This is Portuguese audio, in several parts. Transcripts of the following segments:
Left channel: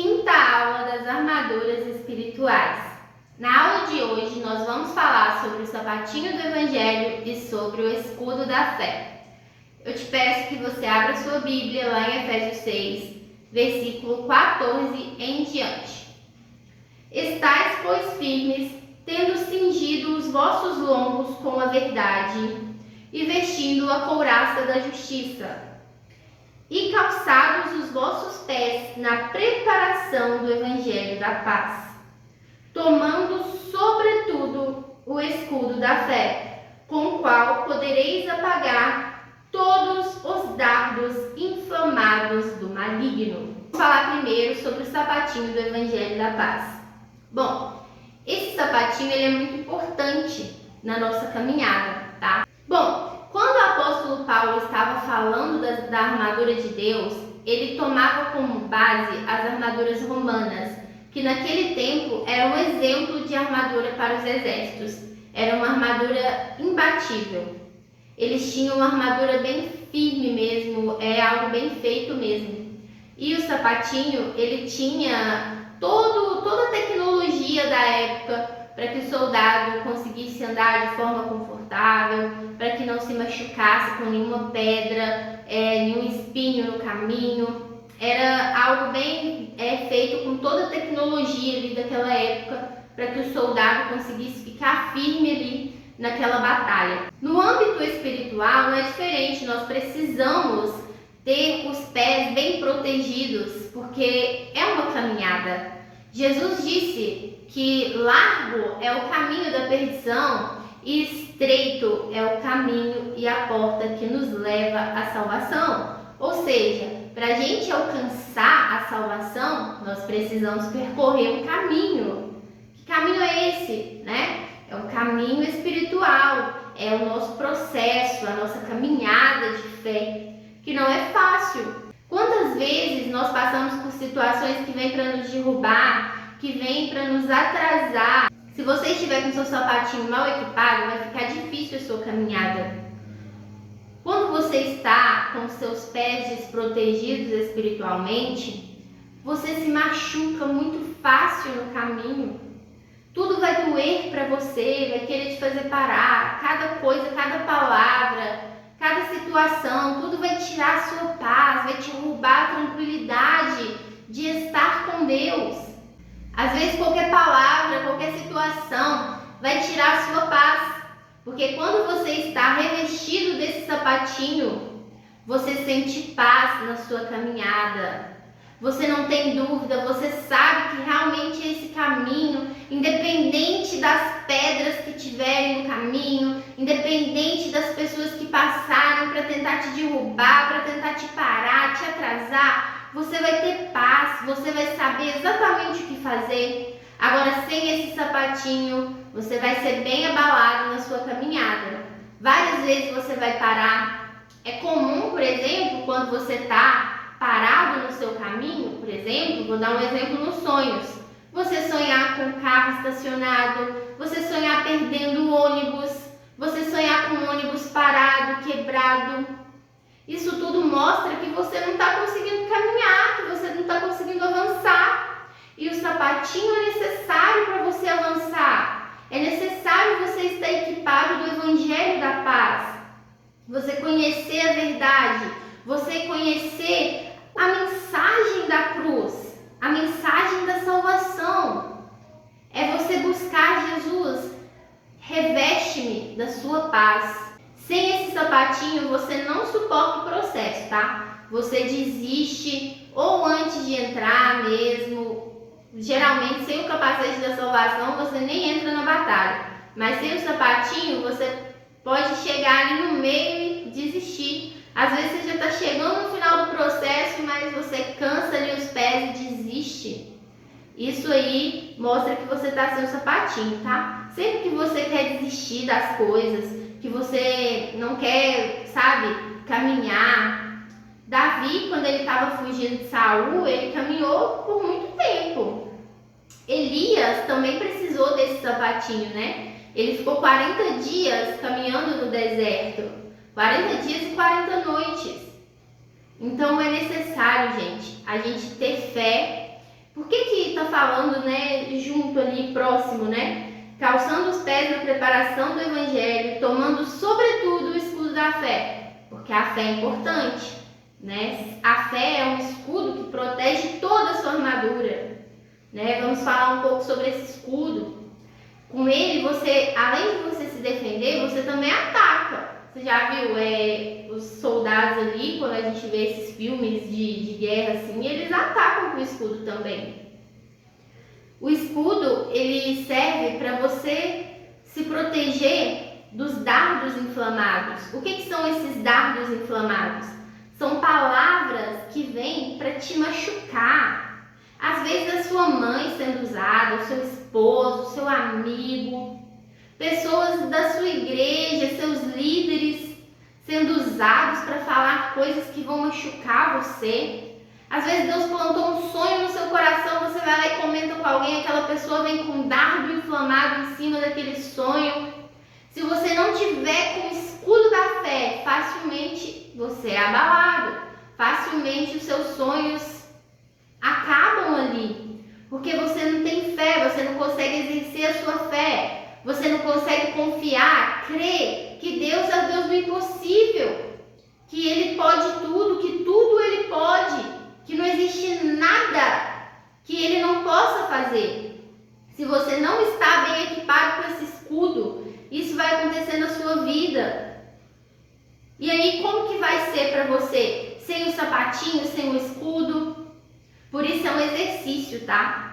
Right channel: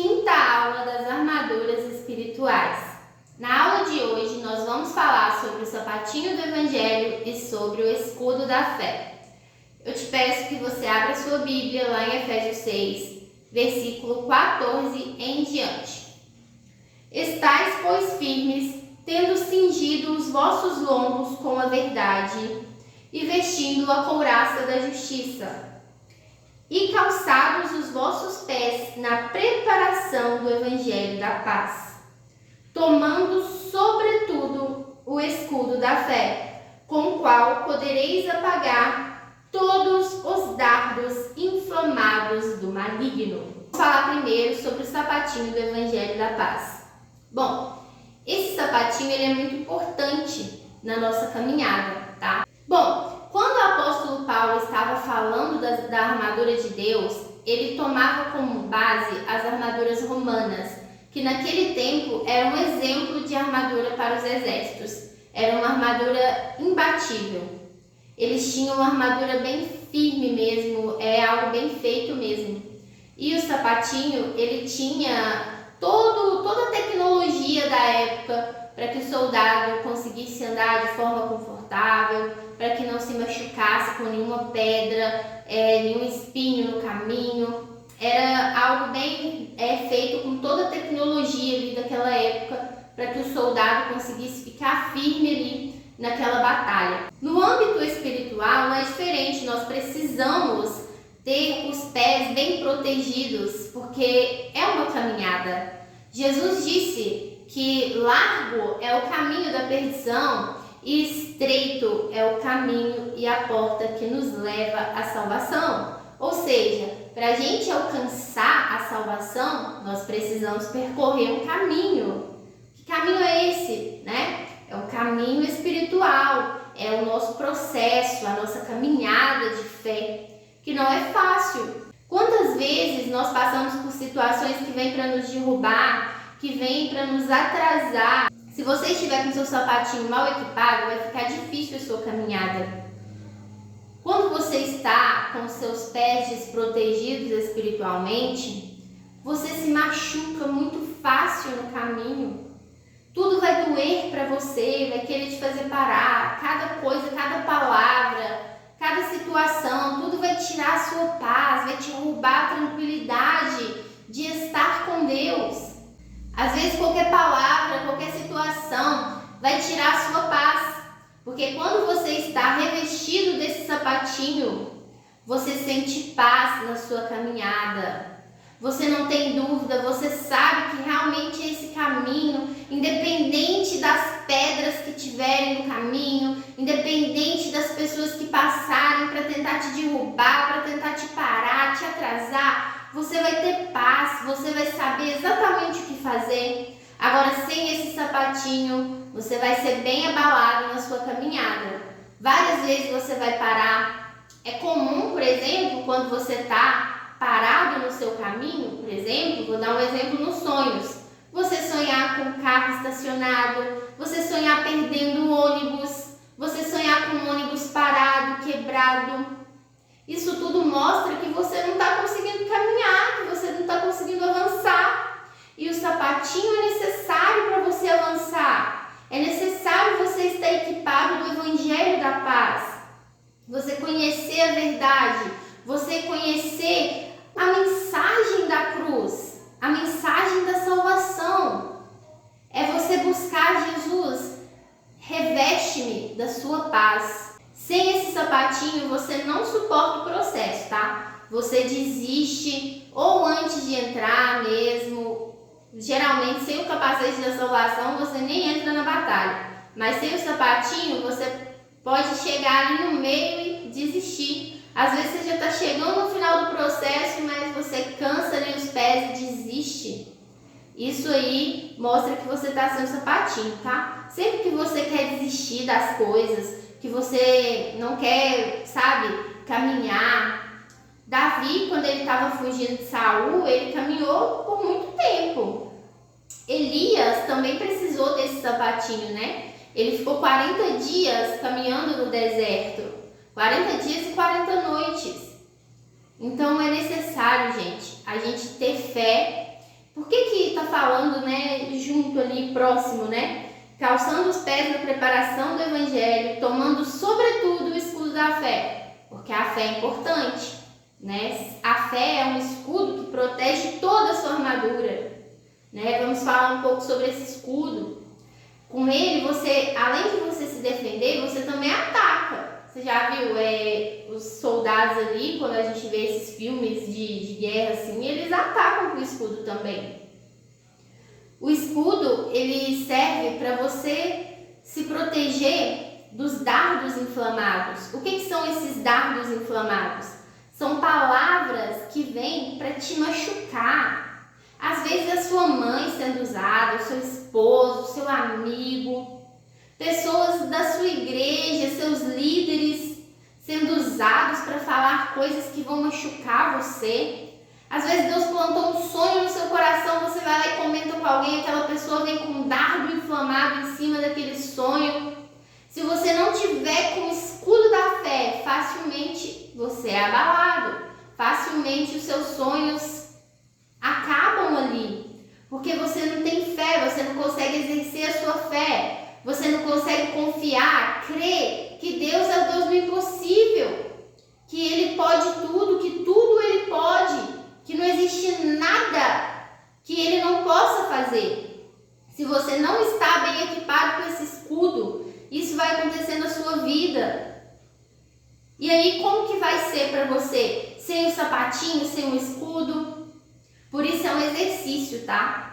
quinta aula das armaduras espirituais. Na aula de hoje nós vamos falar sobre o sapatinho do Evangelho e sobre o escudo da fé. Eu te peço que você abra sua Bíblia lá em Efésios 6, versículo 14 em diante. Estais, pois, firmes, tendo cingido os vossos lombos com a verdade e vestindo a couraça da justiça, e calçados os vossos pés na preparação do Evangelho da paz, tomando sobretudo o escudo da fé, com o qual podereis apagar todos os dardos inflamados do maligno. Vamos falar primeiro sobre o sapatinho do Evangelho da paz. Bom, esse sapatinho ele é muito importante na nossa caminhada, tá? Bom, quando o apóstolo Paulo estava falando da armadura de Deus, ele tomava como base as armaduras romanas, que naquele tempo era um exemplo de armadura para os exércitos. Era uma armadura imbatível. Eles tinham uma armadura bem firme mesmo, algo bem feito mesmo. E o sapatinho, ele tinha toda a tecnologia da época para que o soldado conseguisse andar de forma confortável, para que não se machucasse com nenhuma pedra, nenhum espinho no caminho. Era algo bem feito com toda a tecnologia ali daquela época, para que o soldado conseguisse ficar firme ali naquela batalha. No âmbito espiritual não é diferente, nós precisamos ter os pés bem protegidos, porque é uma caminhada. Jesus disse que largo é o caminho da perdição e estreito é o caminho e a porta que nos leva à salvação. Ou seja, para a gente alcançar a salvação, nós precisamos percorrer um caminho. Que caminho é esse, né? É um caminho espiritual, é o nosso processo, a nossa caminhada de fé, que não é fácil. Quantas vezes nós passamos por situações que vêm para nos derrubar, que vêm para nos atrasar? Se você estiver com seu sapatinho mal equipado, vai ficar difícil a sua caminhada. Quando você está com seus pés desprotegidos espiritualmente, você se machuca muito fácil no caminho. Tudo vai doer para você, vai querer te fazer parar. Cada coisa, cada palavra, cada situação, tudo vai tirar a sua paz, vai te roubar a tranquilidade de estar com Deus. Às vezes qualquer palavra, qualquer situação vai tirar a sua paz. Porque quando você está revestido desse sapatinho, você sente paz na sua caminhada. Você não tem dúvida, você sabe que realmente esse caminho, independente das pedras que tiverem no caminho, independente das pessoas que passarem para tentar te derrubar, para tentar te parar, te atrasar, você vai ter paz, você vai saber exatamente o que fazer. Agora, sem esse sapatinho, você vai ser bem abalado na sua caminhada. Várias vezes você vai parar. É comum, por exemplo, quando você está parado no seu caminho, por exemplo, vou dar um exemplo nos sonhos. Você sonhar com o carro estacionado, você sonhar perdendo o ônibus, você sonhar com um ônibus parado, quebrado. Isso tudo mostra que você não está conseguindo caminhar, que você não está conseguindo avançar. E o sapatinho é necessário para você avançar. É necessário você estar equipado do Evangelho da paz. Você conhecer a verdade, você conhecer a mensagem da cruz, a mensagem da salvação. É você buscar Jesus. Reveste-me da sua paz. Sem esse sapatinho, você não suporta o processo, tá? Você desiste ou antes de entrar mesmo. Geralmente, sem o capacete da salvação, você nem entra na batalha. Mas sem o sapatinho, você pode chegar ali no meio e desistir. Às vezes você já está chegando no final do processo, mas você cansa ali os pés e desiste. Isso aí mostra que você está sem o sapatinho, tá? Sempre que você quer desistir das coisas, que você não quer, caminhar. Davi, quando ele estava fugindo de Saul, ele caminhou por muito tempo. Elias também precisou desse sapatinho, né? Ele ficou 40 dias caminhando no deserto. 40 dias e 40 noites. Então é necessário, gente, a gente ter fé, Por que está falando, né, junto ali, próximo, né? Calçando os pés na preparação do Evangelho, tomando sobretudo o escudo da fé, porque a fé é importante, né? A fé é um escudo que protege toda a sua armadura, né? Vamos falar um pouco sobre esse escudo. Com ele, você, além de você se defender, você também ataca. Você já viu os soldados ali, quando a gente vê esses filmes de guerra assim, eles atacam com o escudo também. O escudo, ele serve para você se proteger dos dardos inflamados. O que são esses dardos inflamados? São palavras que vêm para te machucar. Às vezes a sua mãe sendo usada, o seu esposo, o seu amigo, pessoas da sua igreja, seus líderes sendo usados para falar coisas que vão machucar você. Às vezes Deus plantou um sonho no seu coração, você vai lá e comenta com alguém, aquela pessoa vem com um dardo inflamado em cima daquele sonho. Se você não tiver com o escudo da fé, facilmente você é abalado, facilmente os seus sonhos acabam ali, porque você não tem fé, você não consegue exercer a sua fé, você não consegue confiar, crer que Deus é o Deus do impossível, que Ele pode tudo, que tudo Ele pode, que não existe nada que Ele não possa fazer. Se você não está bem equipado com esse escudo, isso vai acontecer na sua vida. E aí, como que vai ser para você? Sem o sapatinho, sem o escudo? Por isso é um exercício, tá?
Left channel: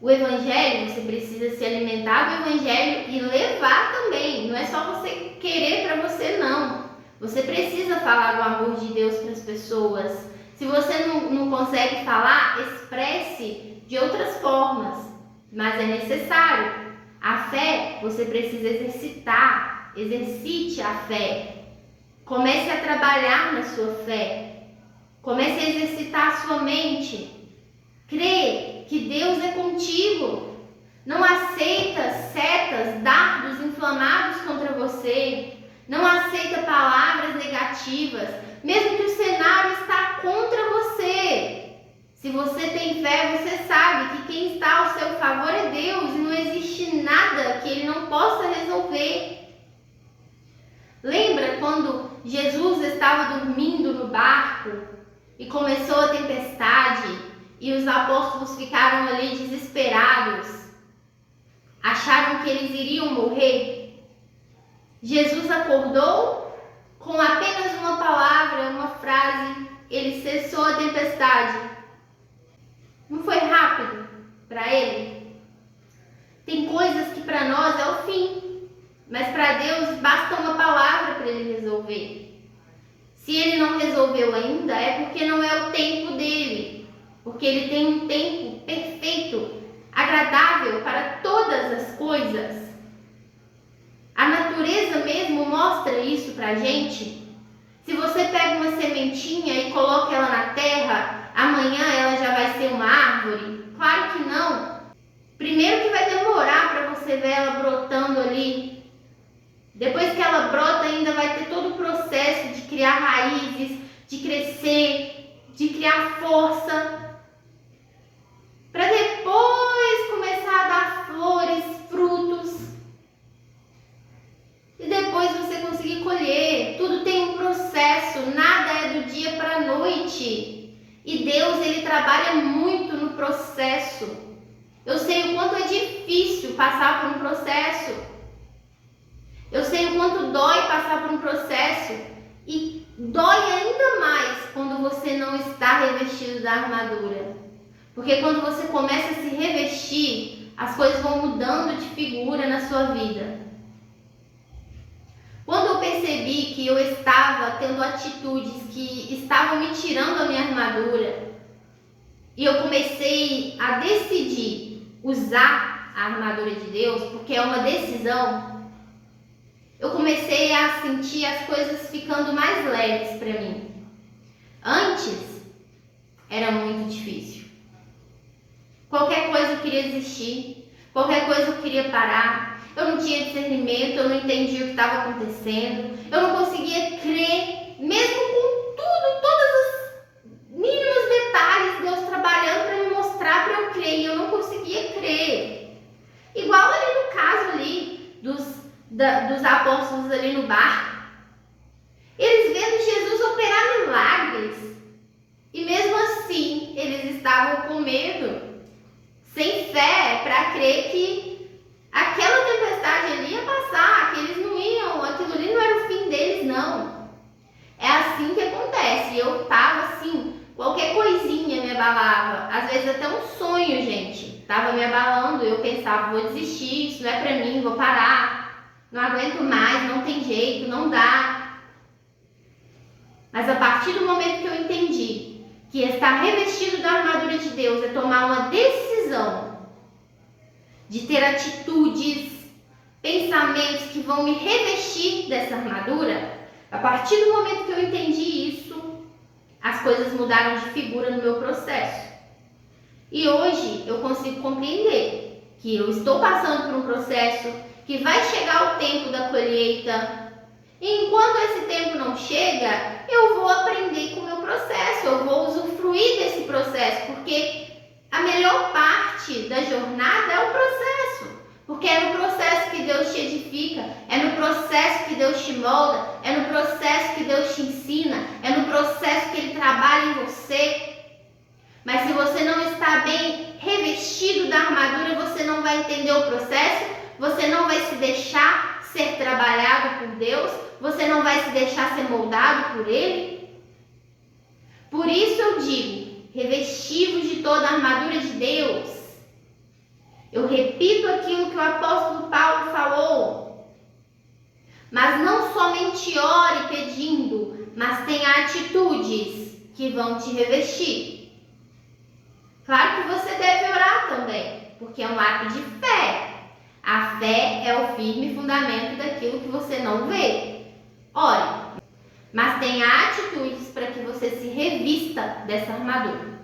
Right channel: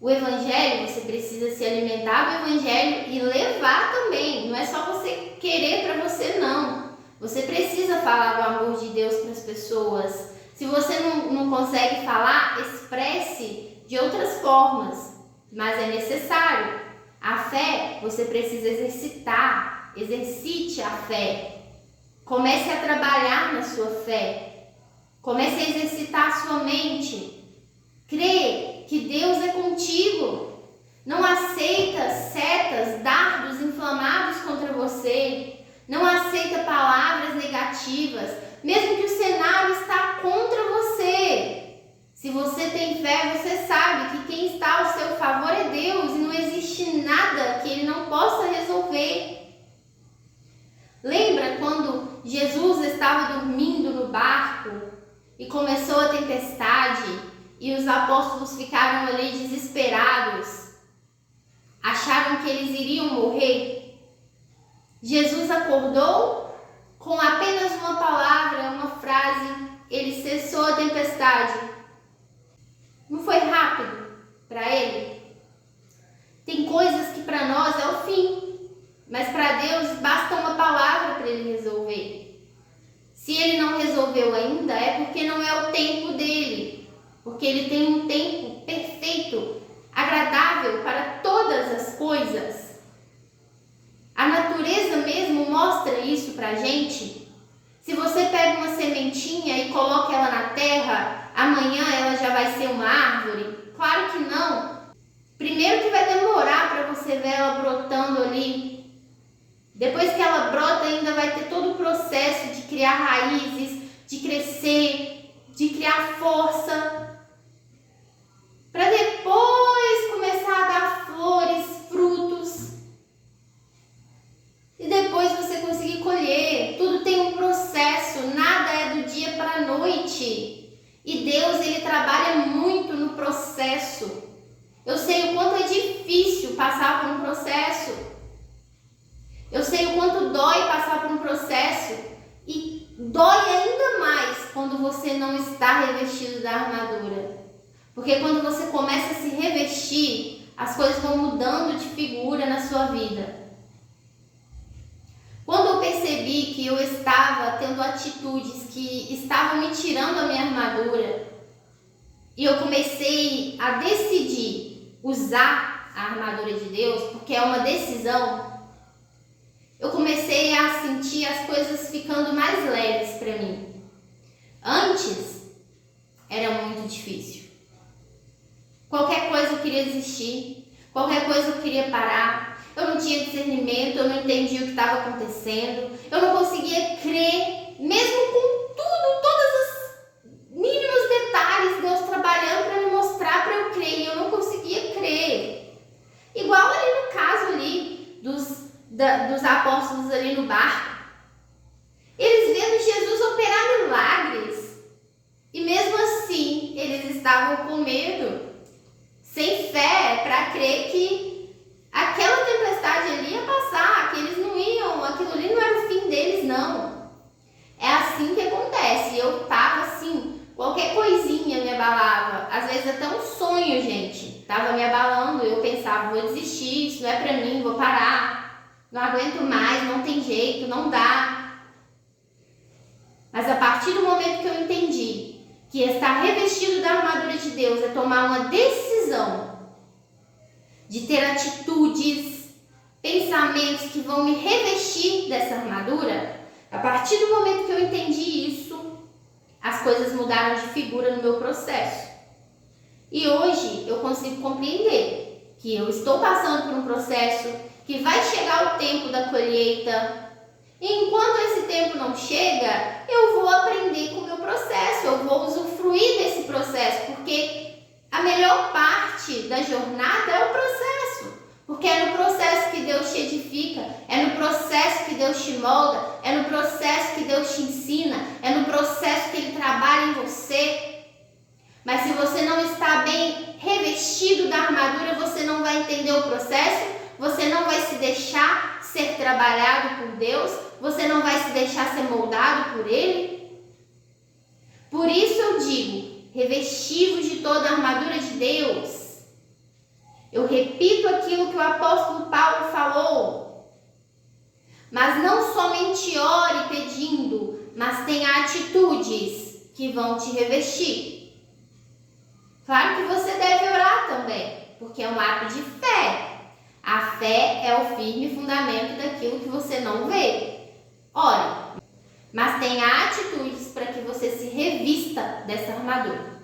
O Evangelho, você precisa se alimentar do Evangelho e levar também. Não é só você querer para você, não. Você precisa falar do amor de Deus para as pessoas. Se você não consegue falar, expresse de outras formas, mas é necessário. A fé, você precisa exercitar, exercite a fé. Comece a trabalhar na sua fé. Comece a exercitar a sua mente. Crê que Deus é contigo. Não aceita setas, dardos inflamados contra você. Não aceita palavras negativas. Mesmo que o cenário está contra você. Se você tem fé, você sabe que quem está ao seu favor é Deus e não existe nada que Ele não possa resolver. Lembra quando Jesus estava dormindo no barco e começou a tempestade e os apóstolos ficaram ali desesperados? Acharam que eles iriam morrer? Jesus acordou com apenas uma palavra, uma frase, ele cessou a tempestade. Não foi rápido para ele? Tem coisas que para nós é o fim, mas para Deus basta uma palavra para ele resolver. Se ele não resolveu ainda, é porque não é o tempo dele, porque ele tem um tempo perfeito, agradável para todas as coisas. A natureza mesmo mostra isso pra gente. Se você pega uma sementinha e coloca ela na terra, amanhã ela já vai ser uma árvore? Claro que não. Primeiro que vai demorar para você ver ela brotando ali. Depois que ela brota, ainda vai ter todo o processo de criar raízes, de crescer, de criar força, para depois começar a dar flores, frutos. E depois você conseguir colher. Tudo tem um processo, nada é do dia para a noite. E Deus, Ele trabalha muito no processo. Eu sei o quanto é difícil passar por um processo. Eu sei o quanto dói passar por um processo. E dói ainda mais quando você não está revestido da armadura. Porque quando você começa a se revestir, as coisas vão mudando de figura na sua vida. Quando eu percebi que eu estava tendo atitudes que estavam me tirando a minha armadura, e eu comecei a decidir usar a armadura de Deus, porque é uma decisão, eu comecei a sentir as coisas ficando mais leves para mim. Antes, era muito difícil. Qualquer coisa eu queria desistir, qualquer coisa eu queria parar. Eu não tinha discernimento, eu não entendia o que estava acontecendo, eu não conseguia crer, mesmo com tudo, todos os mínimos detalhes, Deus trabalhando para me mostrar para eu crer dos apóstolos ali no barco. Eles vendo Jesus operar milagres. E mesmo assim, eles estavam com medo, sem fé, para crer que aquela tempestade ali ia passar, que eles não iam, aquilo ali não era o fim deles, não. É assim que acontece. Eu tava assim, qualquer coisinha me abalava. Às vezes até um sonho, gente, tava me abalando. Eu pensava, vou desistir, isso não é pra mim, vou parar. Não aguento mais, não tem jeito, não dá. Mas a partir do momento que eu entendi que estar revestido da armadura de Deus é tomar uma decisão de ter atitudes, pensamentos que vão me revestir dessa armadura, a partir do momento que eu entendi isso, as coisas mudaram de figura no meu processo. E hoje eu consigo compreender que eu estou passando por um processo, que vai chegar o tempo da colheita. E enquanto esse tempo não chega, eu vou aprender com o meu processo, eu vou usufruir desse processo, porque a melhor parte da jornada é o processo. Porque é no processo que Deus te edifica, é no processo que Deus te molda, é no processo que Deus te ensina, é no processo que Ele trabalha em você. Mas se você não está bem revestido da armadura, você não vai entender o processo, você não vai se deixar ser trabalhado por Deus, você não vai se deixar ser moldado por Ele. Por isso eu digo, revestivos de toda a armadura de Deus. Eu repito aquilo que o apóstolo Paulo falou. Mas não somente ore pedindo, mas tenha atitudes que vão te revestir. Claro que você deve orar também, porque é um ato de fé. A fé é o firme fundamento daquilo que você não vê. Ore, mas tenha atitudes para que você se revista dessa armadura.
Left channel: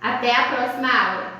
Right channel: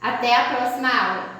Até a próxima aula!